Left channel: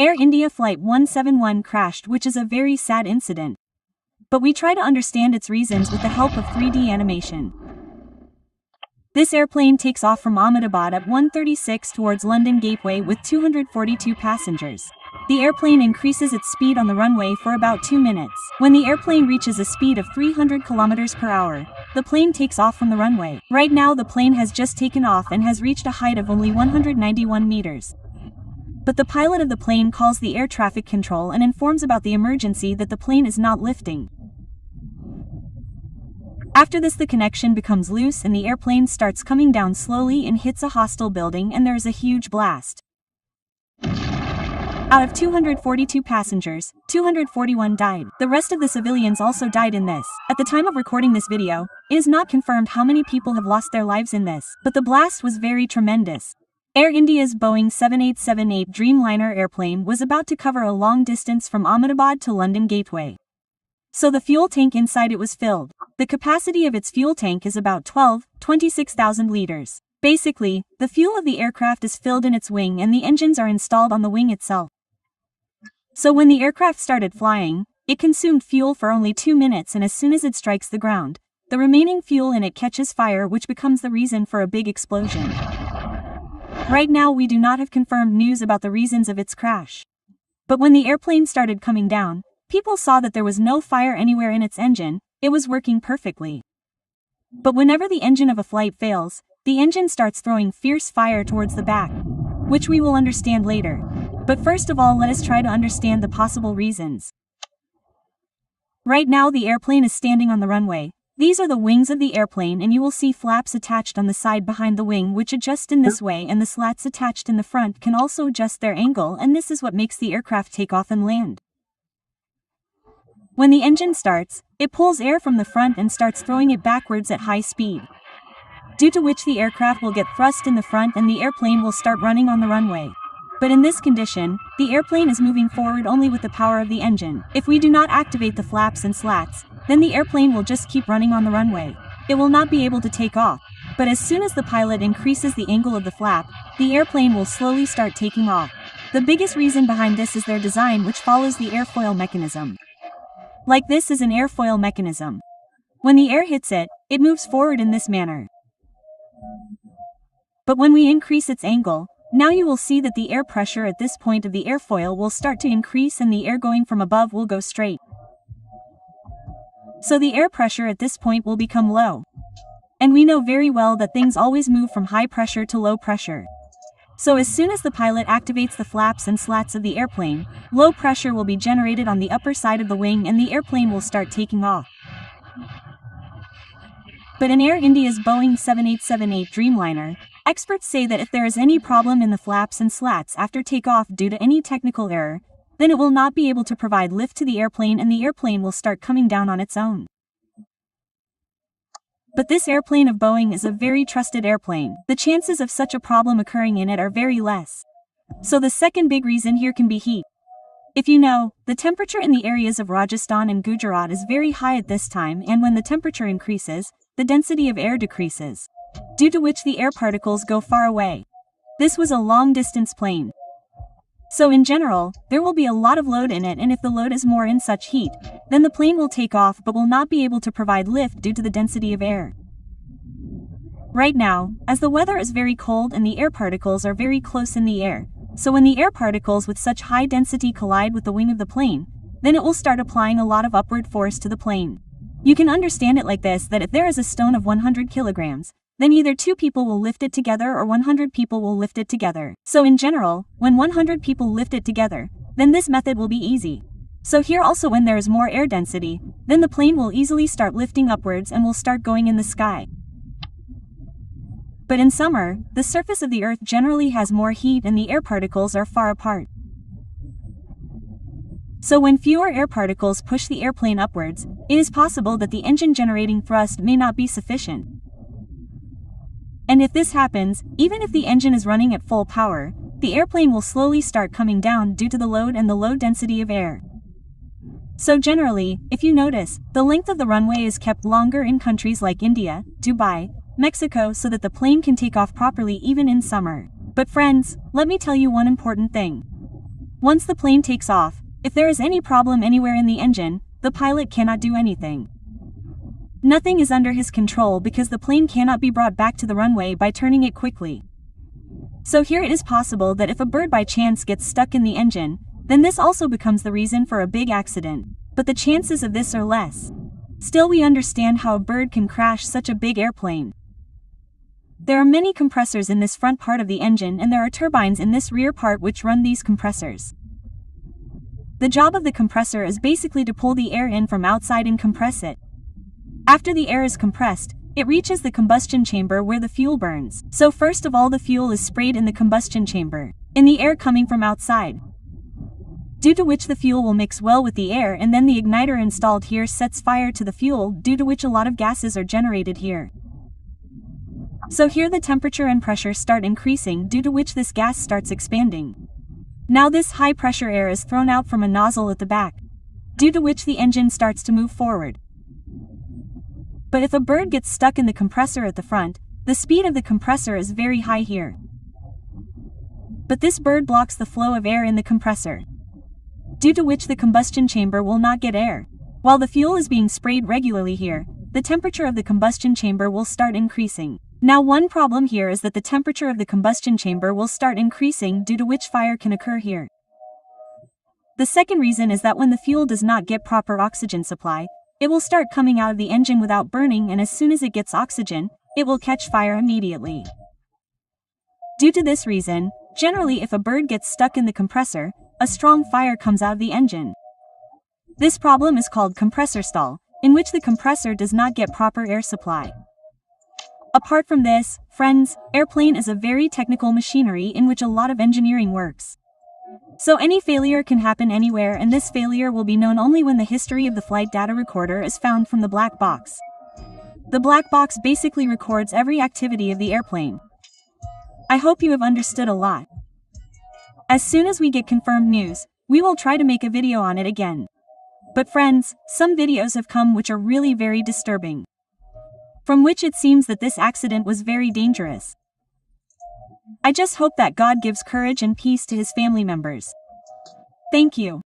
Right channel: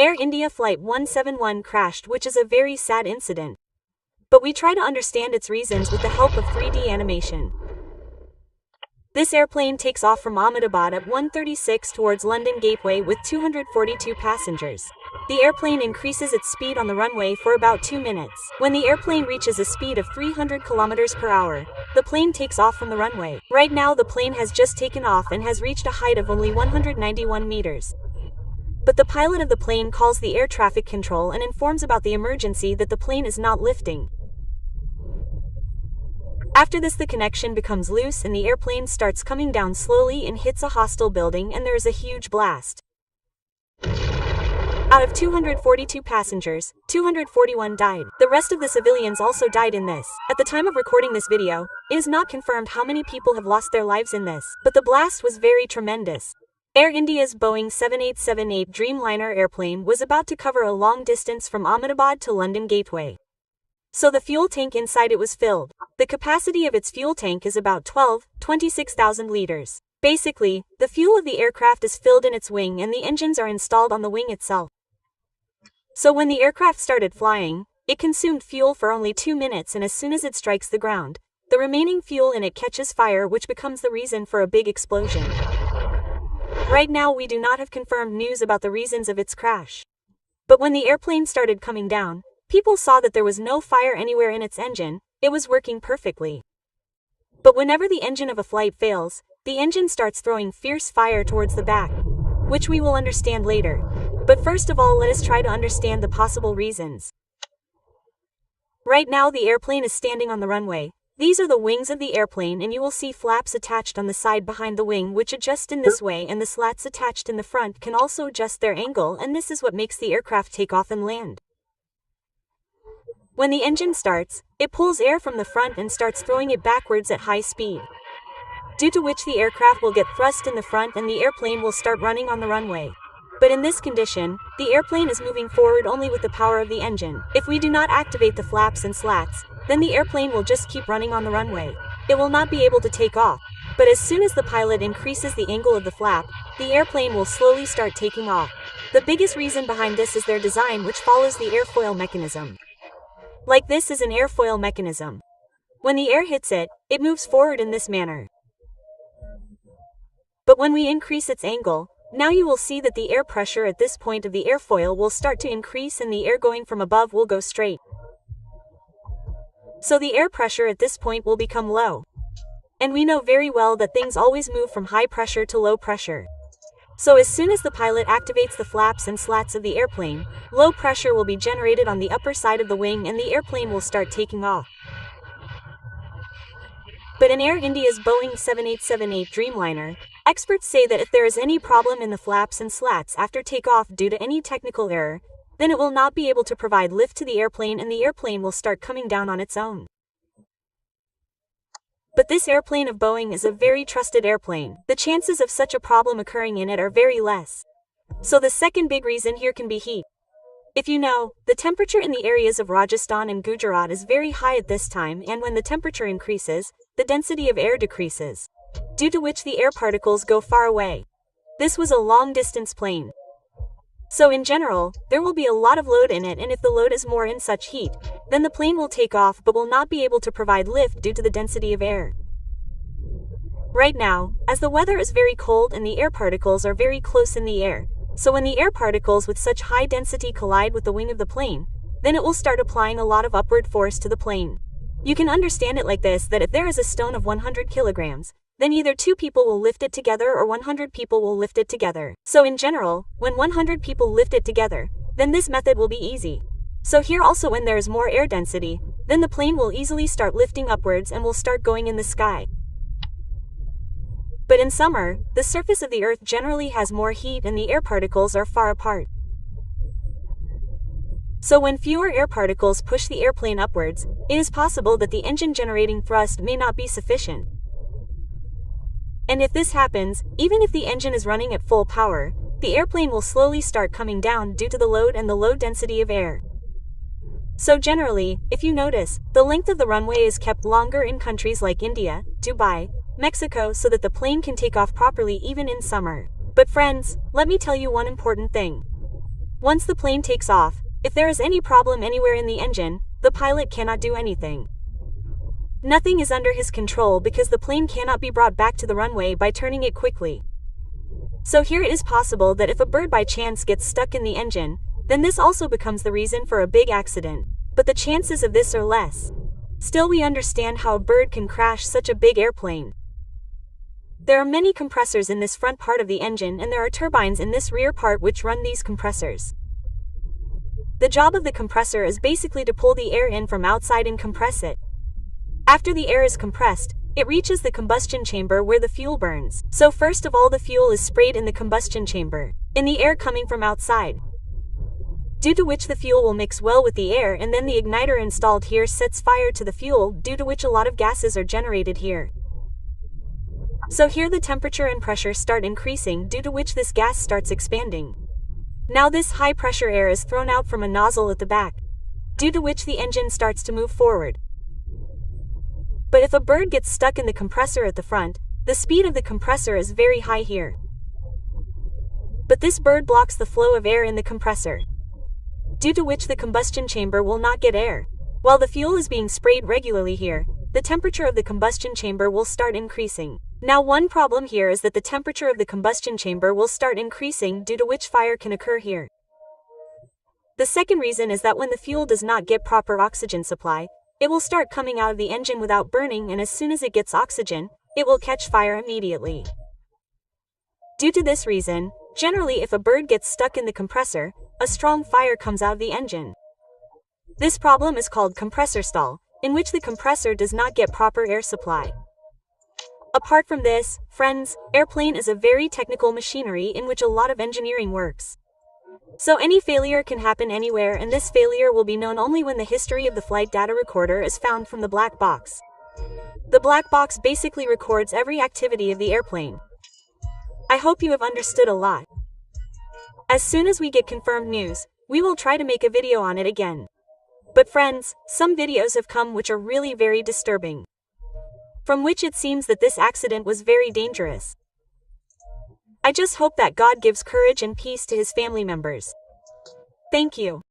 Air India Flight 171 crashed, which is a very sad incident. But we try to understand its reasons with the help of 3D animation. This airplane takes off from Ahmedabad at 1:36 towards London Gateway with 242 passengers. The airplane increases its speed on the runway for about 2 minutes. When the airplane reaches a speed of 300 km per hour, the plane takes off from the runway. Right now the plane has just taken off and has reached a height of only 191 meters. But the pilot of the plane calls the air traffic control and informs about the emergency that the plane is not lifting. After this, the connection becomes loose and the airplane starts coming down slowly and hits a hostel building, and there is a huge blast. Out of 242 passengers, 241 died. The rest of the civilians also died in this. At the time of recording this video, it is not confirmed how many people have lost their lives in this, but the blast was very tremendous. Air India's Boeing 7878 Dreamliner airplane was about to cover a long distance from Ahmedabad to London Gateway. So the fuel tank inside it was filled. The capacity of its fuel tank is about 26,000 liters. Basically, the fuel of the aircraft is filled in its wing and the engines are installed on the wing itself. So when the aircraft started flying, it consumed fuel for only 2 minutes, and as soon as it strikes the ground, the remaining fuel in it catches fire, which becomes the reason for a big explosion. Right now we do not have confirmed news about the reasons of its crash. But when the airplane started coming down, people saw that there was no fire anywhere in its engine. It was working perfectly. But whenever the engine of a flight fails, the engine starts throwing fierce fire towards the back, which we will understand later. But first of all, let us try to understand the possible reasons. Right now the airplane is standing on the runway. These are the wings of the airplane, and you will see flaps attached on the side behind the wing which adjust in this way, and the slats attached in the front can also adjust their angle, and this is what makes the aircraft take off and land. When the engine starts, it pulls air from the front and starts throwing it backwards at high speed, due to which the aircraft will get thrust in the front and the airplane will start running on the runway. But in this condition, the airplane is moving forward only with the power of the engine. If we do not activate the flaps and slats, then the airplane will just keep running on the runway. It will not be able to take off. But as soon as the pilot increases the angle of the flap, the airplane will slowly start taking off. The biggest reason behind this is their design, which follows the airfoil mechanism. Like this is an airfoil mechanism. When the air hits it, it moves forward in this manner. But when we increase its angle, now you will see that the air pressure at this point of the airfoil will start to increase and the air going from above will go straight. So the air pressure at this point will become low. And we know very well that things always move from high pressure to low pressure. So as soon as the pilot activates the flaps and slats of the airplane, low pressure will be generated on the upper side of the wing and the airplane will start taking off. But in Air India's Boeing 7878 Dreamliner, experts say that if there is any problem in the flaps and slats after takeoff due to any technical error, then it will not be able to provide lift to the airplane and the airplane will start coming down on its own. But this airplane of Boeing is a very trusted airplane. The chances of such a problem occurring in it are very less. So the second big reason here can be heat. If you know, the temperature in the areas of Rajasthan and Gujarat is very high at this time, and when the temperature increases, the density of air decreases, due to which the air particles go far away. This was a long-distance plane. So in general, there will be a lot of load in it, and if the load is more in such heat, then the plane will take off but will not be able to provide lift due to the density of air. Right now, as the weather is very cold and the air particles are very close in the air, so when the air particles with such high density collide with the wing of the plane, then it will start applying a lot of upward force to the plane. You can understand it like this, that if there is a stone of 100 kilograms, then either 2 people will lift it together or 100 people will lift it together. So in general, when 100 people lift it together, then this method will be easy. So here also, when there is more air density, then the plane will easily start lifting upwards and will start going in the sky. But in summer, the surface of the earth generally has more heat and the air particles are far apart. So when fewer air particles push the airplane upwards, it is possible that the engine generating thrust may not be sufficient. And if this happens, even if the engine is running at full power, the airplane will slowly start coming down due to the load and the low density of air. So generally, if you notice, the length of the runway is kept longer in countries like India, Dubai, Mexico, so that the plane can take off properly even in summer. But friends, let me tell you one important thing. Once the plane takes off, if there is any problem anywhere in the engine, the pilot cannot do anything. Nothing is under his control because the plane cannot be brought back to the runway by turning it quickly. So here it is possible that if a bird by chance gets stuck in the engine, then this also becomes the reason for a big accident, but the chances of this are less. Still, we understand how a bird can crash such a big airplane. There are many compressors in this front part of the engine, and there are turbines in this rear part which run these compressors. The job of the compressor is basically to pull the air in from outside and compress it. After the air is compressed, it reaches the combustion chamber where the fuel burns. So first of all, the fuel is sprayed in the combustion chamber, in the air coming from outside, due to which the fuel will mix well with the air, and then the igniter installed here sets fire to the fuel, due to which a lot of gases are generated here. So here the temperature and pressure start increasing, due to which this gas starts expanding. Now this high pressure air is thrown out from a nozzle at the back, due to which the engine starts to move forward. But if a bird gets stuck in the compressor at the front, the speed of the compressor is very high here. But this bird blocks the flow of air in the compressor, due to which the combustion chamber will not get air. While the fuel is being sprayed regularly here, the temperature of the combustion chamber will start increasing. Now one problem here is that the temperature of the combustion chamber will start increasing, due to which fire can occur here. The second reason is that when the fuel does not get proper oxygen supply, it will start coming out of the engine without burning, and as soon as it gets oxygen, it will catch fire immediately. Due to this reason, generally if a bird gets stuck in the compressor, a strong fire comes out of the engine. This problem is called compressor stall, in which the compressor does not get proper air supply. Apart from this, friends, airplane is a very technical machinery in which a lot of engineering works. So any failure can happen anywhere, and this failure will be known only when the history of the flight data recorder is found from the black box. The black box basically records every activity of the airplane. I hope you have understood a lot. As soon as we get confirmed news, we will try to make a video on it again. But friends, some videos have come which are really very disturbing, from which it seems that this accident was very dangerous. I just hope that God gives courage and peace to his family members. Thank you.